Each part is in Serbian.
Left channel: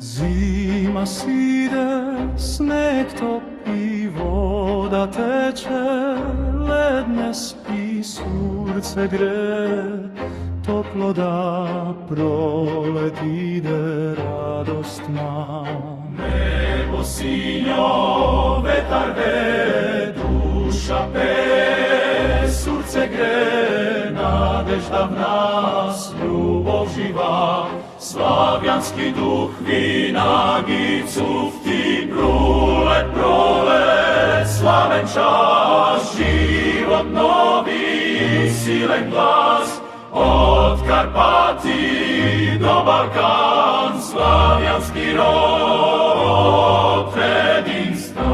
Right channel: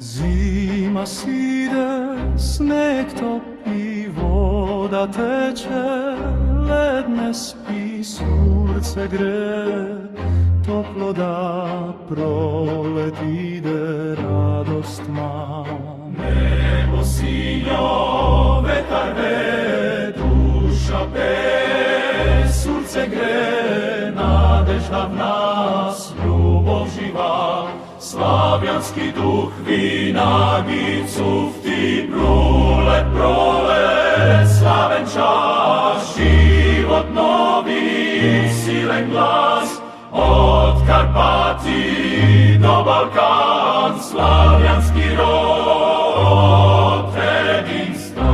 Zima side, sneg topi, voda teče, led ne spi, surce gre, toplo da prolet ide, radost ma. Nebo sinjo, vetar ve, duša pe, surce gre, nadežda v nas, ljubov živa, slavjanski duh vinagicu v ti prolet, slaven čas, život novi, silen glas, od Karpati do Balkan, slavjanski rod, predin stan.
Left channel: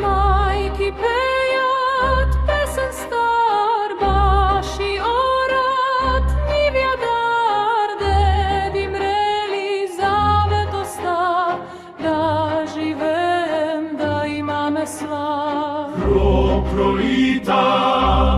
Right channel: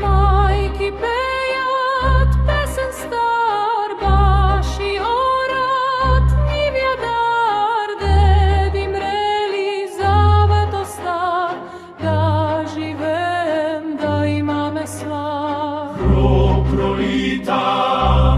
Majki pejat pesen star, baši orat, njivja dar, dedi mreli zavet ostav, da živem, da imame slav. Krv prolita,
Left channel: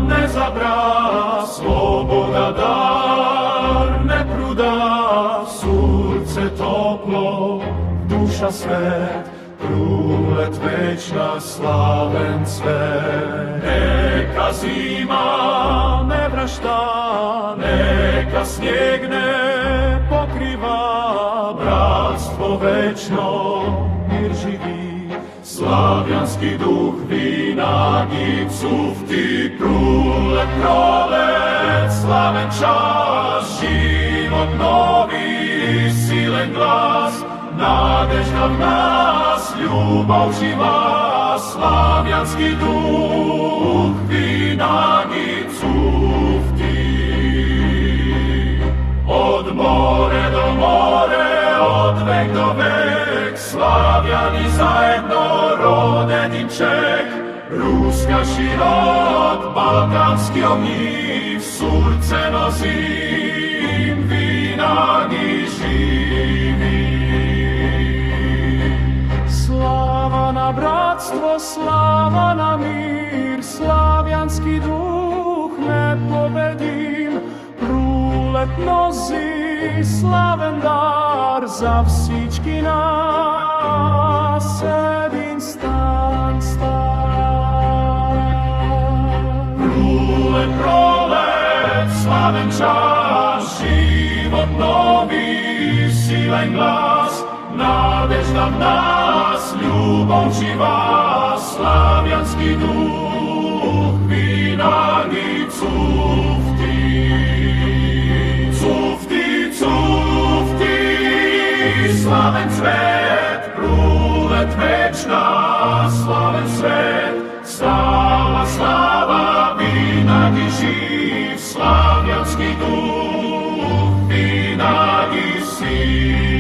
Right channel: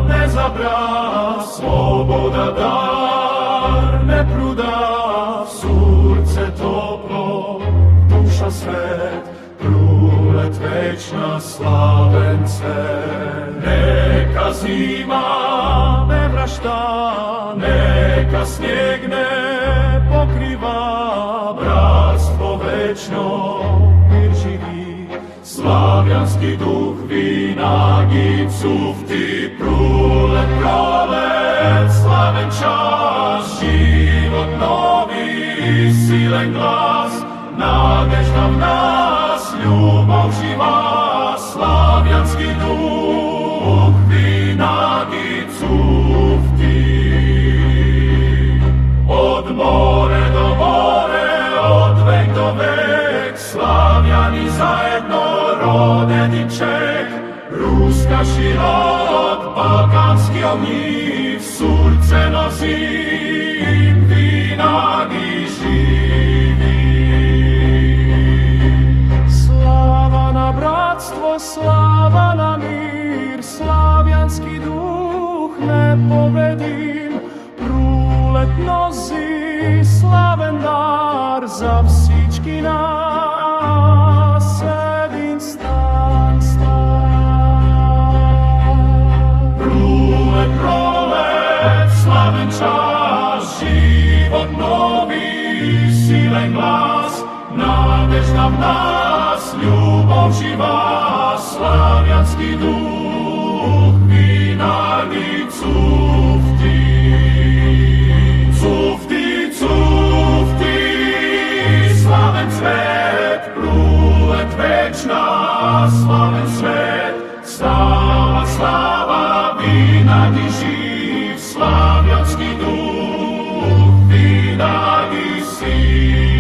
ne zabra, svoboda dar, ne pruda, surce toplo, duša svet, prulet večna, slaven cvet. Neka zima ne vrašta, neka snijeg ne pokriva, bratstvo večno, mir živi, slavjanski duh vinagicu v ti prolet, slaven čas, život novi, silen glas, nadežda v nas, ljubov živa, slavjanski duh vinagicu v ti. Od more do more, od vek do vek, slavjani zajedno, rod jedinček, ruska širot, balkanski ognjiv, surce nosim, vinagi živi. Slava na bratstvo, slava na mir, slavjanski duh nepobedim, prulet nozi, slaven dar, za vsički nas, jedin stan. Prulet, slaven čas, život novi, silen glas, nadežda v nas, ljubov živa, slavjanski duh vinagicu v ti. Cufti, slaven cvet, prulet večna, slaven svet, slava, vinagi živ, slavjanski duh, vinagi si.